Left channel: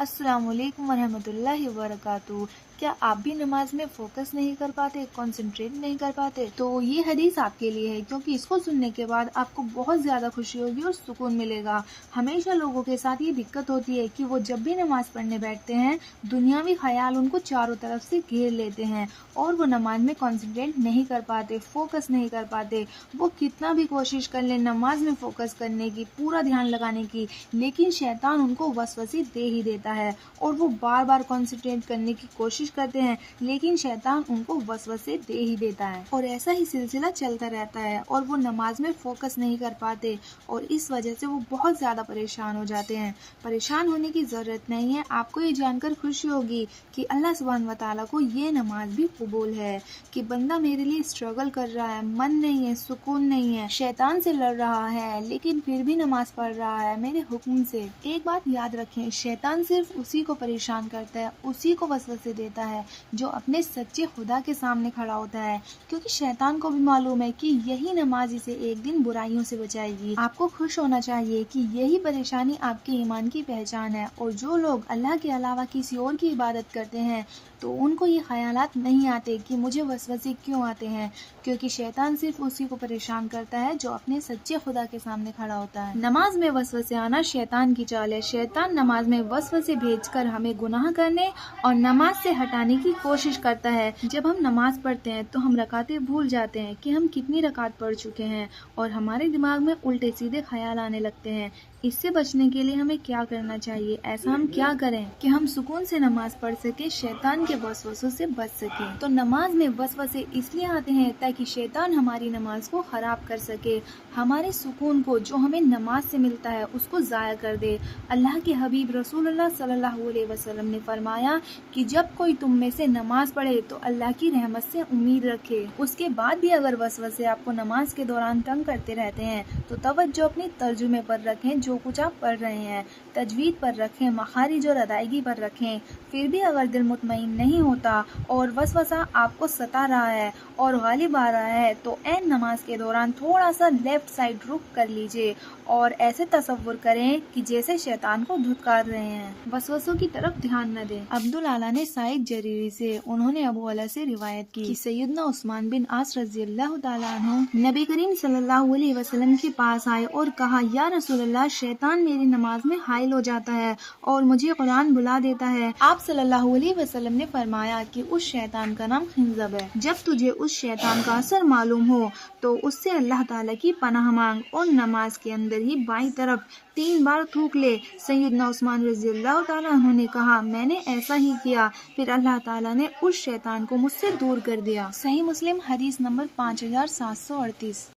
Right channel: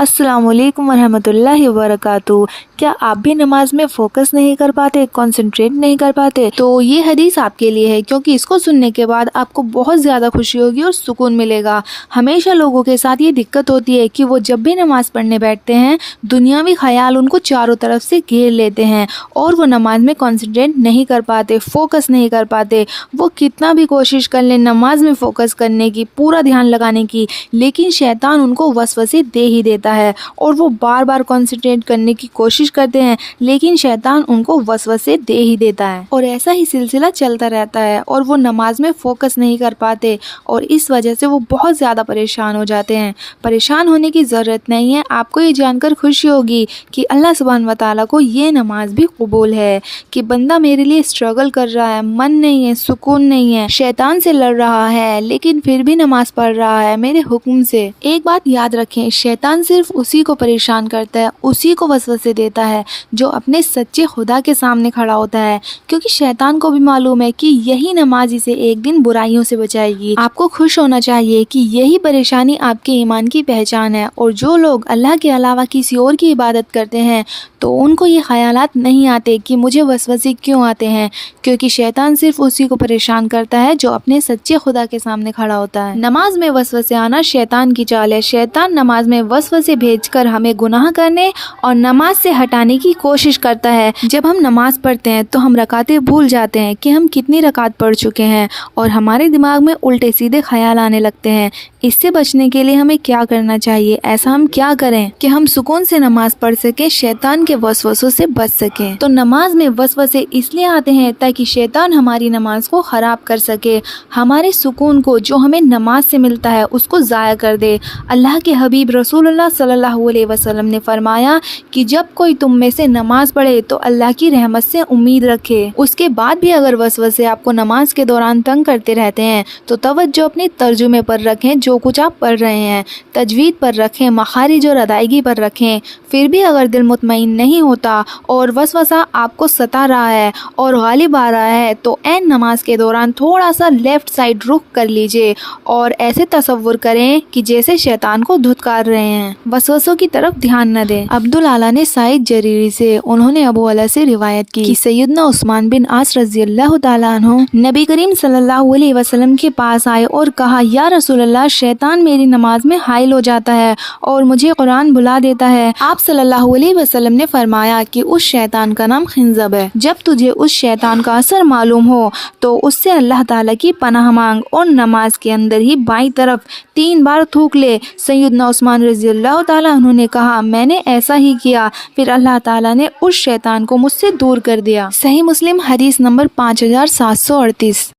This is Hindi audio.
अस्सलाम वालेकुम वरहमतुल्लाहि वबरकातुहू। क्या आप भी नमाज में फोकस नहीं कर पाते, कंसंट्रेट नहीं कर पाते? तो ये हदीस आपके लिए है, क्योंकि इसको सुनने के बाद आपको बहुत ज़्यादा खुशी होगी और सुकून मिलेगा। हमेशा लोगों के साथ ये दिक्कत होती है कि वो जब भी नमाज पढ़ने बैठते हैं, दुनियावी ख्याल उनको चारों तरफ से घेर लेते हैं और वो नमाज में कंसंट्रेट नहीं कर पाते, फोकस नहीं कर पाते। वो कितना भी कोशिश कर लें नमाज में फ़ोकस करने की, पूरा ध्यान लगाने की, लेकिन शैतान उनको वसवसे दे ही देता है और वो बार बार कंसंट्रेट करने की कोशिश करते हैं, लेकिन शैतान उनको वसवसे दे ही देता है और ऐसा ही सिलसिला चलता रहता है और वो नमाज में फ़ोकस नहीं कर पाते और इस वजह से वो बहुत ज़्यादा परेशान हो जाते हैं। परेशान होने की ज़रूरत नहीं है। आपको ये जानकर खुशी होगी कि अल्लाह सुब्हान व तआला को ये नमाज भी कबूल है कि बंदा मेरे लिए स्ट्रगल कर रहा है, मन नहीं है, सुकून नहीं है, शैतान से लड़ रहा है, लेकिन फिर भी नमाज पढ़ रहा है मेरे हुक्म से। एक बात याद रखें, शैतान सिर्फ उसी को परेशान करता है, उसी को वसवसे देता है जो अपने सच्चे खुदा के सामने खड़ा होता है, क्योंकि शैतान को भी मालूम है कि यही नमाज इसे एक दिन बुराइयों से बचाएगी। आपको खुश होना चाहिए कि यही परेशानी आपके ईमान की पहचान है और जो लोग अल्लाह के अलावा किसी और की इबादत करते हैं तो उनको ये ख्यालात नहीं आते कि मुझे वसवसे क्यों आते हैं, क्योंकि शैतान सिर्फ उसी को परेशान करता है जो अपने सच्चे खुदा के सामने खड़ा होता है। नमाज में वसवसे आना शैतान की चाल है। शैतान नमाज में वसवसे भेजकर हमें गुनाह करने और नमाज से हटाने की कोशिश करता है। जब हम नमाज पढ़ते हैं तो हम रकातें भूल जाते हैं कि हम कितनी रकात पढ़ चुके हैं और हमारे दिमाग में उल्टे सीधे ख्याल आने लगते हैं। इससे बचने के लिए हमें क्या करना चाहिए? ऐसा हम क्या करें कि हम सुकून से नमाज पढ़ सके, शैतान के वसवसों से बच सके? तो नमाज में वसवसे इसलिए आते हैं ताकि शैतान हमारी नमाज को खराब कर सके, हमारे सुकून को जो हमें नमाज से मिलता है उसको ज़ाया कर दे। अल्लाह के हबीब रसूलुल्लाह सल्लल्लाहु अलैहि वसल्लम ने फरमाया कि जब कोई तुम में से नमाज पढ़े तो अल्लाह की रहमत से उम्मीद रखे। उसके बाद भी अगर वसवसे आपको नमाज के दौरान तंग करते रहते हैं तो तवज्जो अपने तर्जुमे पर रखें, जो कुछ आप पढ़ रहे हैं तजवीद पर रखें, मखारिज और अदायगी पर रखें। फिर भी अगर दिल मुतमईन नहीं होता और वसवसा आपको सता रहा है और गालिब आ रहा है तो ऐन नमाज के दौरान थोड़ा सा लेफ्ट साइड रुख कर लीजिए और ऐसे तसव्वुर करें कि जैसे शैतान को धुतकार रहे हैं। वसवसों की तरफ ध्यान न दें। अब्दुल आला ने साइद जरीरी से, उन्होंने अबू अला से रिवायत की कि सैयदना उस्मान बिन आस रज़ियल्लाहु ताला अन्हु नबी करीम सल्लल्लाहु अलैहि वसल्लम के पास आए और कहा, या रसूलल्लाह, शैतान मेरी नमाज में हाइल हो जाता है और मुझे कुरान भुला देता है। आप सल्लल्लाहु अलैहि वसल्लम ने फरमाया कि उस शैतान का नाम खिंजब है। जब तुझे उस शैतान का असर मालूम हो तो उससे अल्लाह ताला की पनाह मांग और नमाज के अंदर ही बाईं तरफ 3 बार थूक ले। सैयदना उस्मान रज़ियल्लाहु ताला अन्हु ने कहा, मैंने ऐसा ही किया, फिर अल्लाह ताला ने उस शैतान को मुझसे दूर कर दिया। सही मुस्लिम हदीस नंबर 5738।